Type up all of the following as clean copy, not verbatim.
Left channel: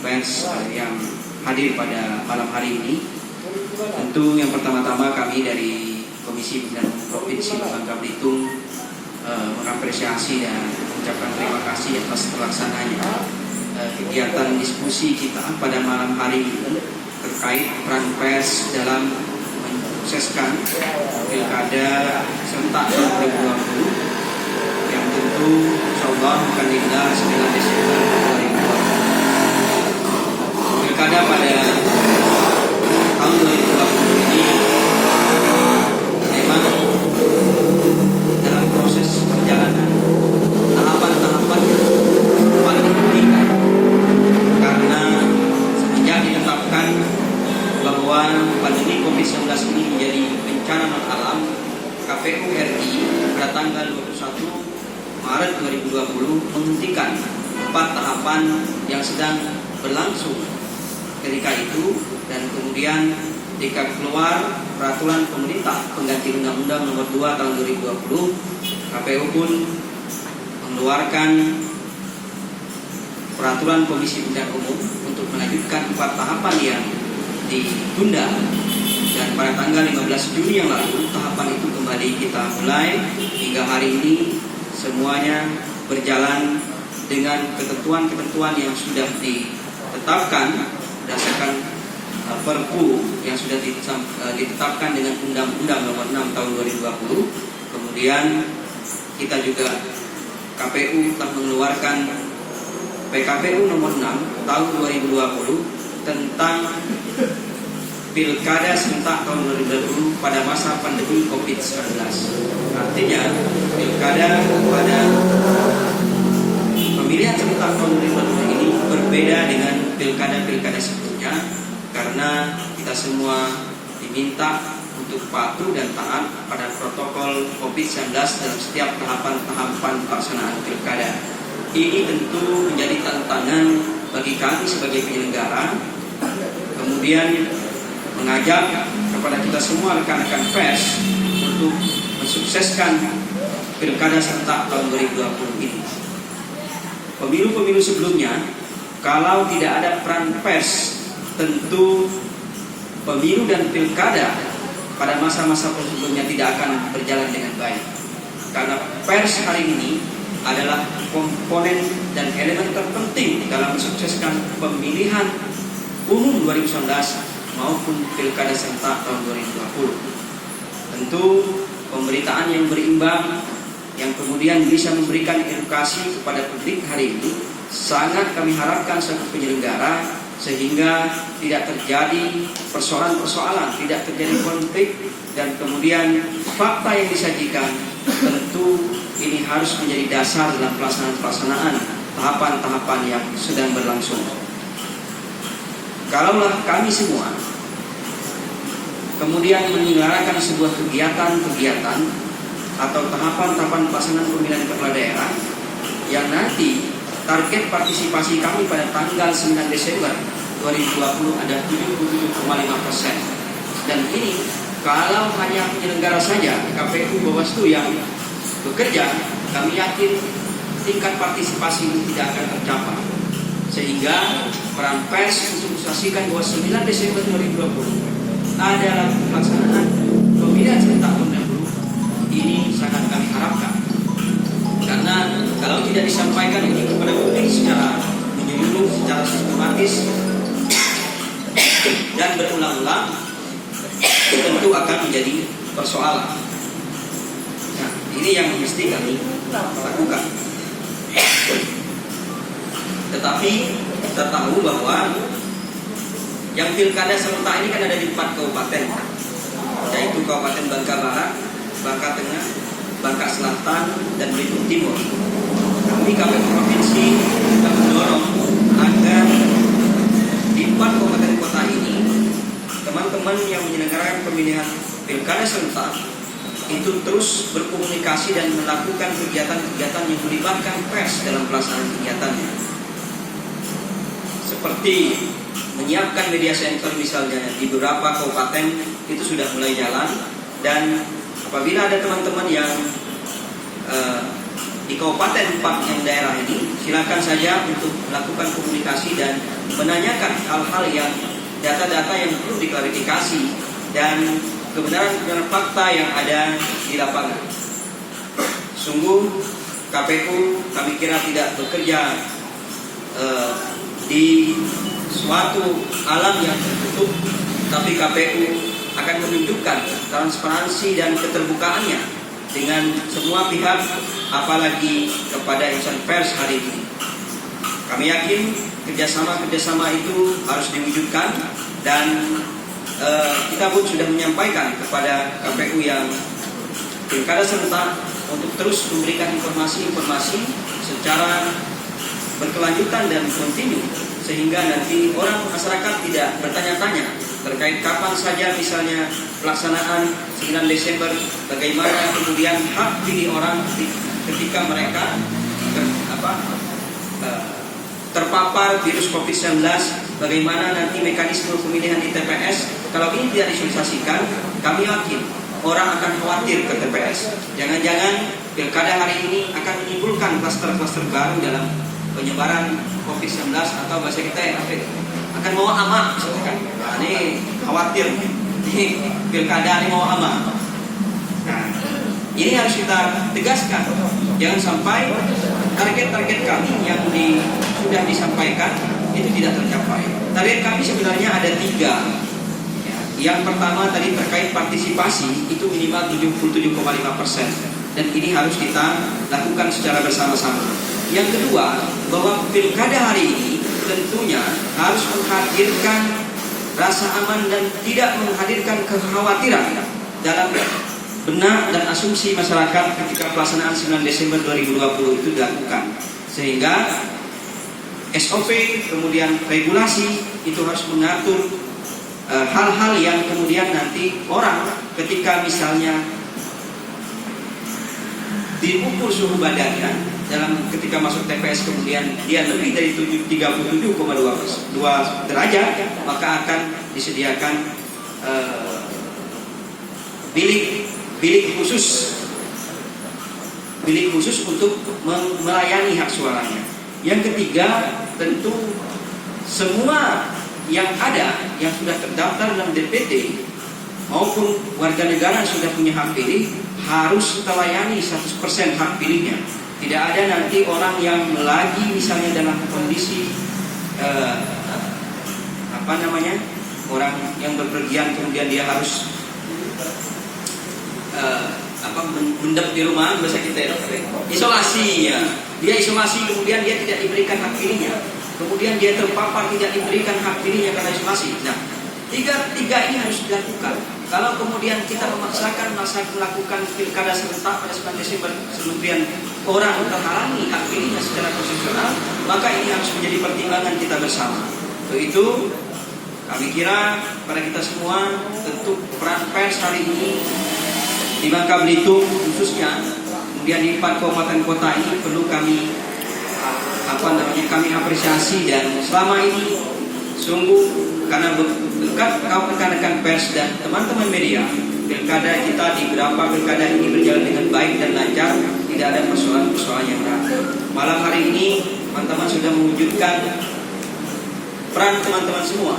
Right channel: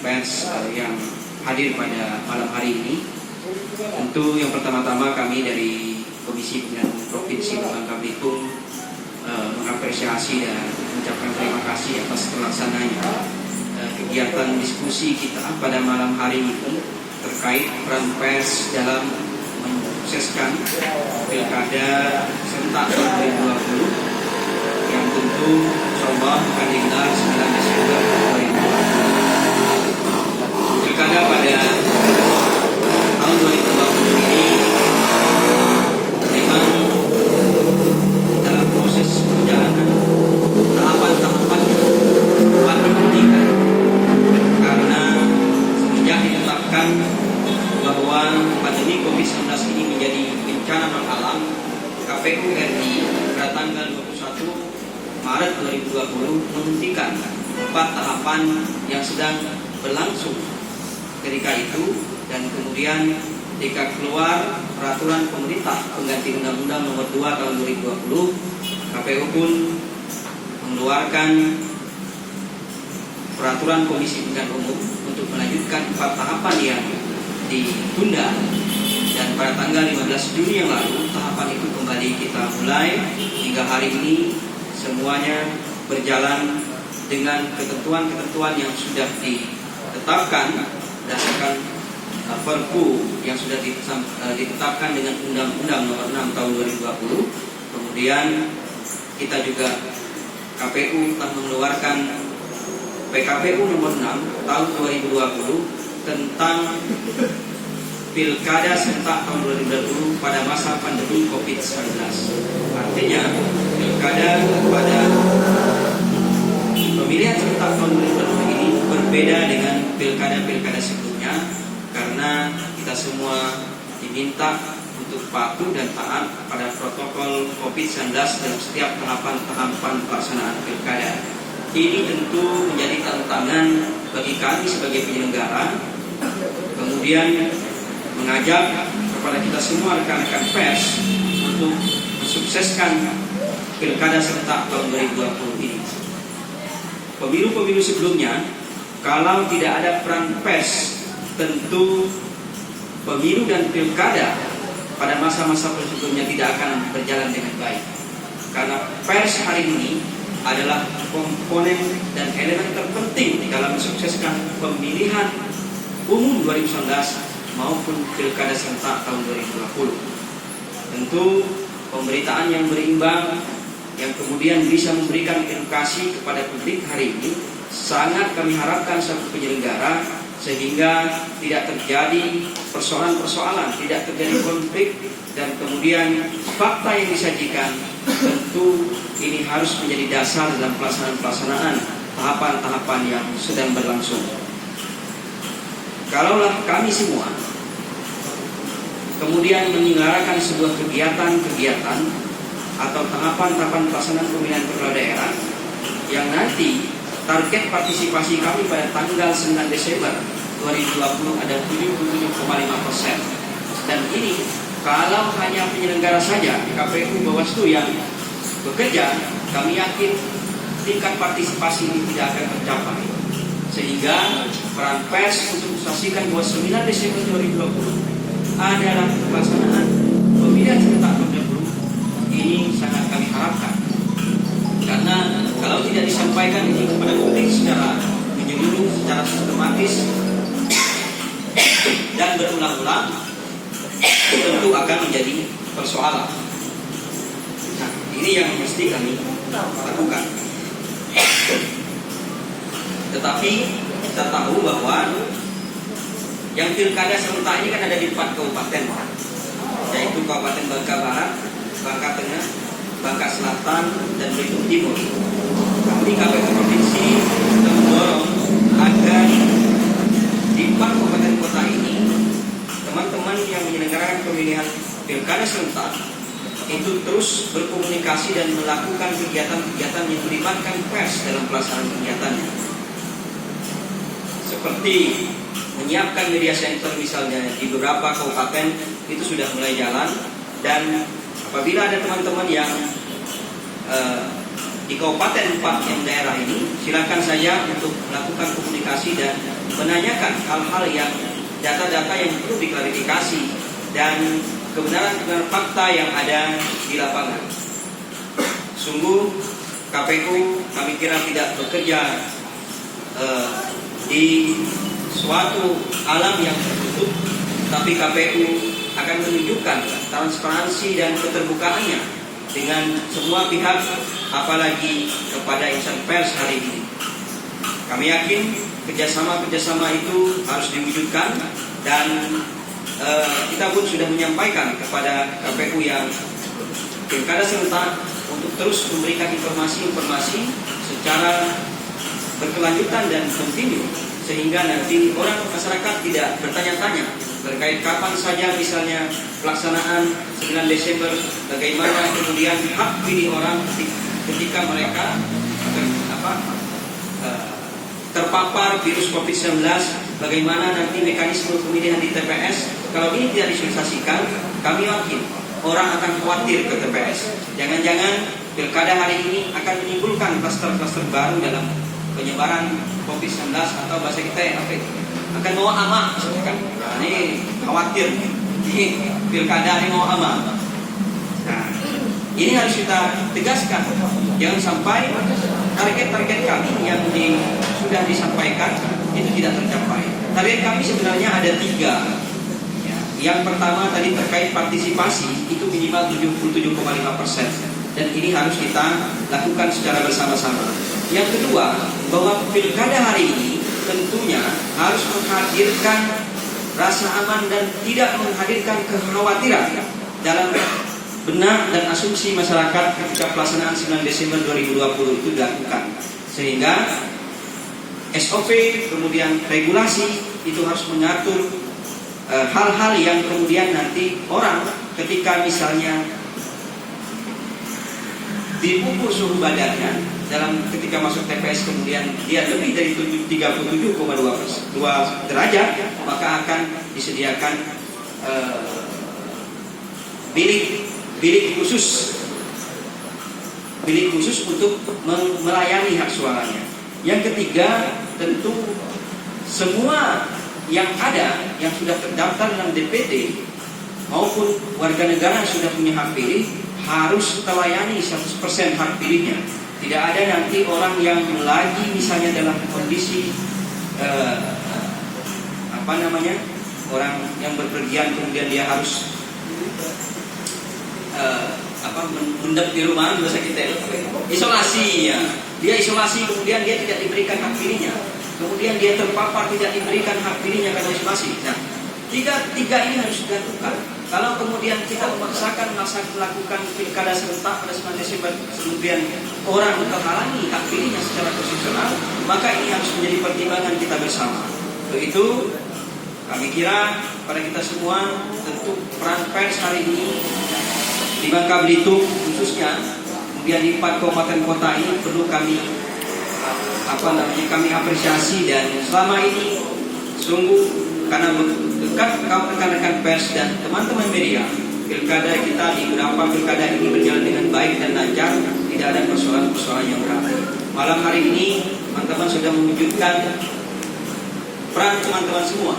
pers yang hadir pada malam hari ini. Tentu yang pertama-tama kami dari Komisi Pemilihan Provinsi Bangka Belitung mengapresiasi dan mengucapkan terima kasih atas terlaksananya kegiatan diskusi kita pada malam hari ini terkait peran pers dalam mensukseskan Pilkada serentak 2020 yang tentu insyaallah akan digelar 9 Desember 2020. Pilkada pada tahun 2020 ini memang dalam proses perjalanan tahapan-tahapan yang diberikan karena semenjak ditetapkan bahwa pandemi COVID-19 ini menjadi bencana alam, KPU RI pada tanggal 21 Maret 2020 menghentikan 4 tahapan yang sedang berlangsung ketika itu, dan kemudian ketika keluar peraturan pemerintah pengganti Undang-Undang Nomor 2 Tahun 2020, KPU pun mengeluarkan peraturan Komisi Pemilihan Umum untuk melanjutkan 4 tahapan yang ditunda, dan pada tanggal 15 Juni yang lalu tahapan itu kembali kita mulai hingga hari ini semuanya berjalan dengan ketentuan-ketentuan yang sudah ditetapkan berdasarkan Perpu yang sudah ditetapkan dengan Undang-Undang Nomor 6 Tahun 2020. Kemudian kita juga KPU telah mengeluarkan PKPU Nomor 6 Tahun 2020 tentang Pilkada serentak tahun 2020 pada masa pandemi COVID-19. Artinya Pilkada pada pemilihan serentak tahun 2020 ini berbeda dengan pilkada-pilkada sebelumnya, karena kita semua diminta untuk patuh dan taat pada protokol COVID-19 dalam setiap tahapan-tahapan pelaksanaan pilkada. Ini tentu menjadi tantangan bagi kami sebagai penyelenggara, kemudian mengajak kepada kita semua rekan-rekan pers untuk mensukseskan pilkada serentak tahun 2020 ini. Pemilu-pemilu sebelumnya, kalau tidak ada peran pers, tentu pemilu dan pilkada pada masa-masa sebelumnya tidak akan berjalan dengan baik. Karena pers hari ini adalah komponen dan elemen terpenting dalam mensukseskan pemilihan umum 2019 maupun pilkada serentak tahun 2020. Tentu pemberitaan yang berimbang yang kemudian bisa memberikan edukasi kepada publik hari ini sangat kami harapkan sebagai penyelenggara, sehingga tidak terjadi persoalan-persoalan, tidak terjadi konflik, dan kemudian fakta yang disajikan tentu ini harus menjadi dasar dalam pelaksanaan tahapan-tahapan yang sedang berlangsung. Kalaulah kami semua kemudian menyelenggarakan sebuah kegiatan-kegiatan atau tahapan-tahapan pelaksanaan pemilihan kepala daerah yang nanti target partisipasi kami pada tanggal 9 Desember 2020 ada 77,5%. Dan ini kalau hanya penyelenggara saja, KPU Bawaslu yang bekerja, kami yakin tingkat partisipasi ini tidak akan tercapai. Sehingga peran pers untuk memastikan bahwa 9 Desember 2020 adalah pelaksanaan pemilihan serentak 2020 ini sangat kami harapkan. Karena kalau tidak disampaikan ini kepada publik secara menyeluruh, secara sistematis dan berulang-ulang, tentu akan menjadi persoalan. Nah, ini yang mesti kami lakukan. Tetapi kita tahu bahwa yang pilkada serentak ini kan ada di 4 kabupaten, yaitu Kabupaten Bangka Barat, Bangka Tengah, Bangka Selatan, dan Belitung Timur. Kami KPU Provinsi mendorong agar di 4 kabupaten kota ini teman-teman yang menyelenggarakan pemilihan pilkada serentak itu terus berkomunikasi dan melakukan kegiatan-kegiatan yang melibatkan pers dalam pelaksanaan kegiatan, seperti menyiapkan media center misalnya di beberapa kabupaten itu sudah mulai jalan. Dan apabila ada teman-teman yang di kabupaten 4 yang daerah ini, silakan saja untuk melakukan komunikasi dan menanyakan hal-hal yang data-data yang perlu diklarifikasi dan kebenaran fakta yang ada di lapangan. Sungguh KPU kami kira tidak bekerja di suatu alam yang tertutup, tapi KPU akan menunjukkan transparansi dan keterbukaannya dengan semua pihak, apalagi kepada insan pers hari ini. Kami yakin kerjasama itu harus diwujudkan dan kita pun sudah menyampaikan kepada KPU yang pilkada serentak untuk terus memberikan informasi-informasi secara berkelanjutan dan kontinu, sehingga nanti orang masyarakat tidak bertanya-tanya terkait kapan saja misalnya pelaksanaan 9 Desember, bagaimana kemudian hak pilih orang ketika mereka terpapar virus COVID-19, bagaimana nanti mekanisme pemilihan di TPS. Kalau ini tidak disosialisasikan, kami yakin orang akan khawatir ke TPS. Jangan-jangan pilkada hari ini akan menimbulkan kluster-kluster baru dalam penyebaran COVID-19 atau bahasa kita yang akan mau amak. Nah, ini khawatir di pilkada ini mau amak. Nah, ini harus kita tegaskan. Jangan sampai target-target kami yang sudah disampaikan itu tidak tercapai. Target kami sebenarnya ada 3. Yang pertama tadi terkait partisipasi itu minimal 77,5%, dan ini harus kita lakukan secara bersama-sama. Yang kedua, bahwa pilkada hari ini tentunya harus menghadirkan rasa aman dan tidak menghadirkan kekhawatiran dalam benak dan asumsi masyarakat ketika pelaksanaan 9 Desember 2020 itu dilakukan. Sehingga SOP kemudian regulasi itu harus mengatur hal-hal yang kemudian nanti orang ketika misalnya diukur suhu badannya ketika masuk TPS kemudian dia lebih dari 37,2 derajat, maka akan disediakan bilik khusus untuk melayani hak suaranya. Yang ketiga, tentu semua yang ada yang sudah terdaftar dalam DPT maupun warga negara yang sudah punya hak pilih harus terlayani 100% hak pilihnya. Tidak ada nanti orang yang lagi misalnya dalam kondisi orang yang berpergian kemudian dia harus mendap di rumah, biasa kita isolasi ya. Dia isolasi kemudian dia tidak diberikan hak pilihnya. Kemudian dia terpapar tidak diberikan hak pilihnya karena isolasi. Nah, tiga ini harus dilakukan. Kalau kemudian kita memaksakan melakukan pilkada serentak pada 9 Desember, kemudian orang terhalangi hak pilihnya secara konstitusional, maka ini harus menjadi pertimbangan kita bersama. Untuk itu, kami kira pada kita semua tentu peran pers hari ini di Bangka Belitung khususnya, kemudian di 4 kabupaten kota ini perlu kami apresiasi, dan selama ini sungguh karena berkat rekan-rekan pers dan teman-teman media, pilkada kita di beberapa pilkada ini berjalan dengan baik dan lancar, tidak ada persoalan-persoalan yang berat. Malam hari ini teman-teman sudah mewujudkan peran teman-teman semua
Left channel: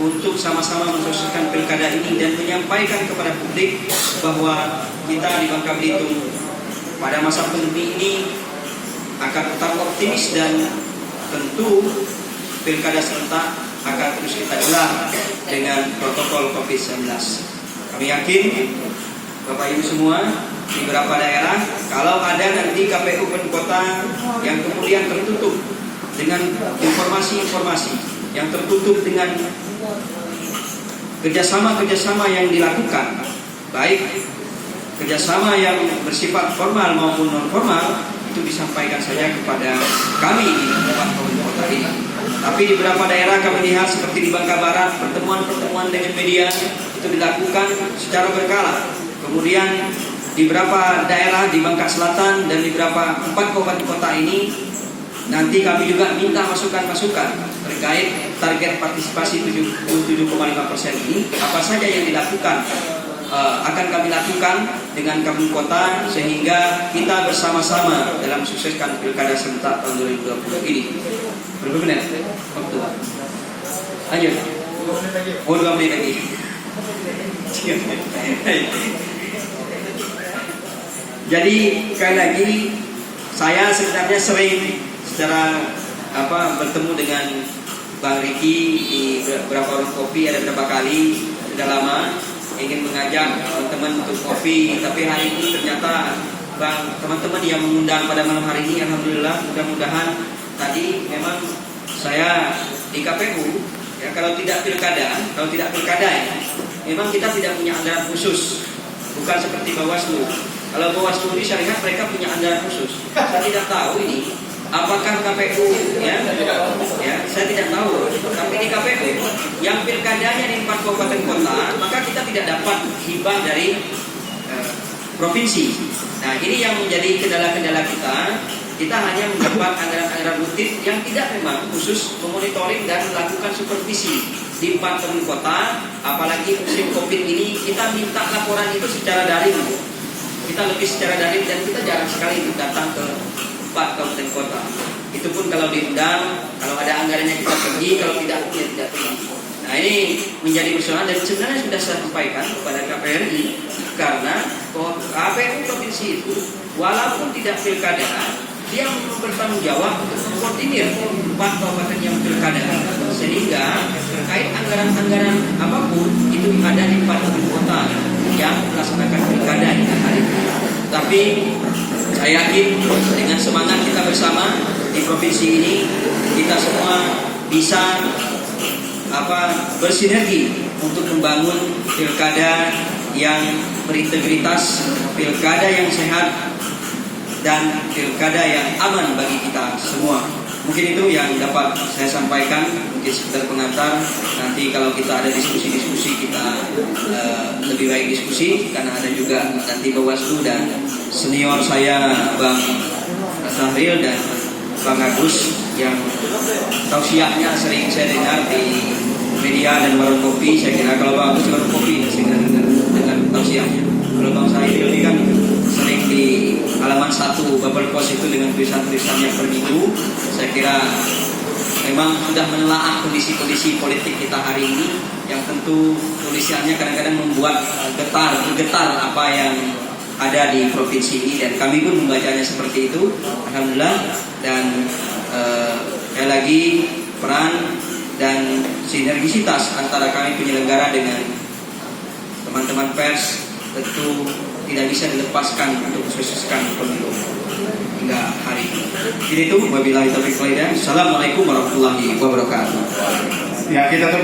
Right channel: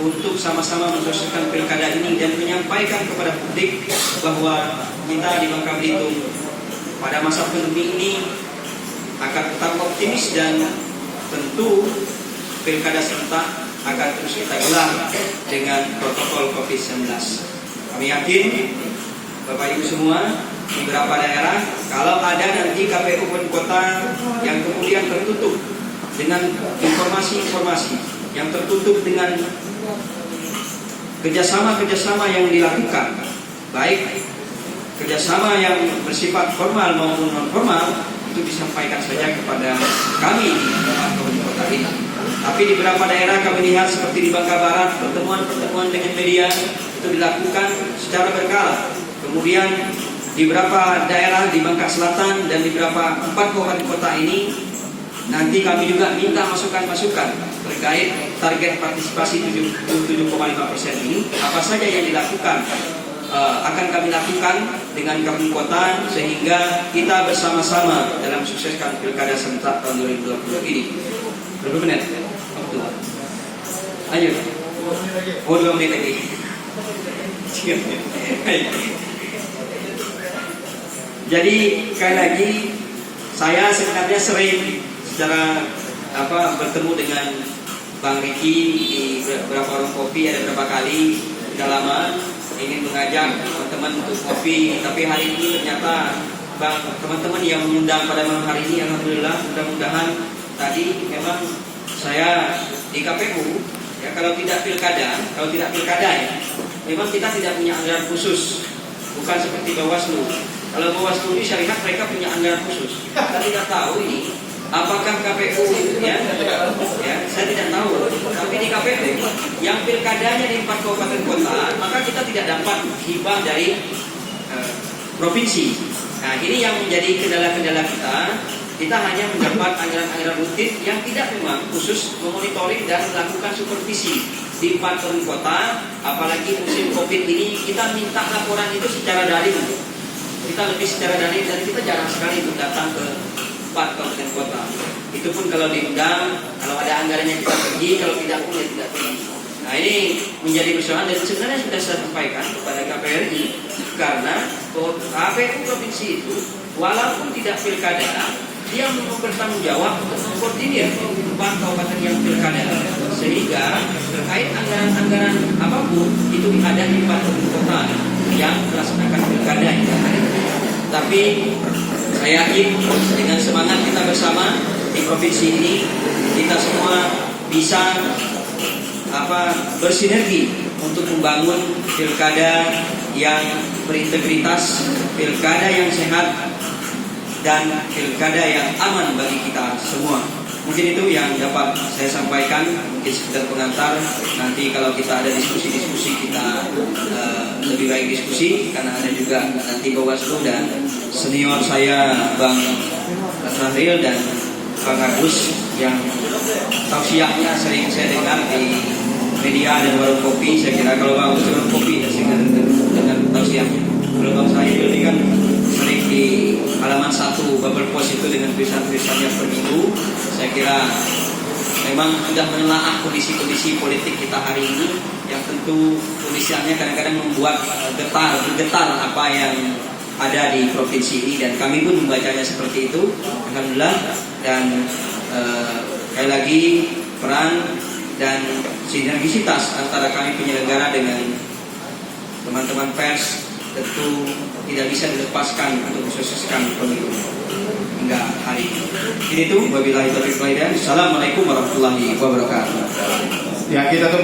untuk sama-sama menyelesaikan pilkada ini dan menyampaikan kepada publik bahwa kita di Bangka Belitung pada masa pandemi ini akan tetap optimis, dan tentu pilkada serentak akan terus kita gelar dengan protokol COVID-19. Kami yakin Bapak Ibu semua di beberapa daerah, kalau ada nanti KPU kota yang kemudian tertutup dengan informasi-informasi yang tertutup dengan kerjasama yang dilakukan, baik kerjasama yang bersifat formal maupun non formal, itu disampaikan saja kepada kami di kota ini. Tapi di beberapa daerah kami lihat seperti di Bangka Barat, pertemuan dengan media itu dilakukan secara berkala. Kemudian di beberapa daerah di Bangka Selatan dan di beberapa 4 kabupaten kota ini, nanti kami juga minta masukan-masukan terkait target partisipasi 77,5% ini, apa saja yang dilakukan akan kami lakukan dengan kabupaten kota, sehingga kita bersama-sama dalam sukseskan pilkada serentak tahun 2020 ini. Berapa menit? Lanjut. Oh, 2 menit lagi. Jadi sekali lagi saya sebenarnya sering secara bertemu dengan Bang Riki di beberapa warung kopi, ada beberapa kali, sudah lama ingin mengajak teman-teman untuk kopi, tapi hari ini ternyata teman-teman yang mengundang pada malam hari ini, alhamdulillah, mudah-mudahan tadi memang saya di KPU ya, kalau tidak pilkada ya, memang kita tidak punya anggaran khusus, bukan seperti Bawaslu. Kalau Bawaslu ini saya lihat mereka punya anggaran khusus. Saya tidak tahu ini apakah KPU ya, saya tidak tahu. Tapi di KPU yang pilkadanya di 4 kabupaten kota, maka kita tidak dapat hibah dari provinsi. Nah, ini yang menjadi kendala-kendala kita. Kita hanya mendapat anggaran-anggaran rutin yang tidak memang khusus memonitoring dan melakukan supervisi di 4 kabupaten kota. Apalagi musim COVID ini, kita minta laporan itu secara daring. Kita lebih secara daring dan kita jarang sekali datang ke 4 kabupaten kota. Itu pun kalau diundang, kalau ada anggarannya kita pergi, kalau tidak pun ya tidak pergi. Nah, ini menjadi persoalan dan sebenarnya sudah saya sampaikan kepada KPRI, karena KPU provinsi itu walaupun tidak pilkada, dia bertanggung jawab untuk mengkoordinir 4 kabupaten yang pilkada, sehingga terkait anggaran-anggaran apapun itu ada di 4 kabupaten kota yang melaksanakan pilkada di hari ini. Tapi saya yakin dengan semangat kita bersama di provinsi ini, kita semua bisa bersinergi untuk membangun pilkada yang berintegritas, pilkada yang sehat, dan pilkada yang aman bagi kita semua. Mungkin itu yang dapat saya sampaikan, mungkin sekedar pengantar. Nanti kalau kita ada diskusi-diskusi, kita lebih baik diskusi, karena ada juga nanti Bawaslu dan senior saya Bang Sahril dan Bang Agus yang tausiahnya sering saya dengar di media dan warung kopi. Saya kira kalau Bang Agus cuma kopi, saya dengan tausiahnya. Kalau Bang Sahril ini kan sering di halaman 1 Bubble Post itu dengan tulisan-tulisannya per minggu. Saya kira memang sudah menelaah kondisi-kondisi politik kita hari ini, yang tentu tulisannya kadang-kadang membuat getar apa yang ada di provinsi ini, dan kami pun membacanya seperti itu, alhamdulillah. Dan sekali lagi peran dan sinergisitas antara kami penyelenggara dengan teman-teman pers tentu tidak bisa dilepaskan untuk mensukseskan pemilu hingga hari ini. Jadi itu wabillahi taufiq wal hidayah. Assalamualaikum warahmatullahi wabarakatuh. Ya, kita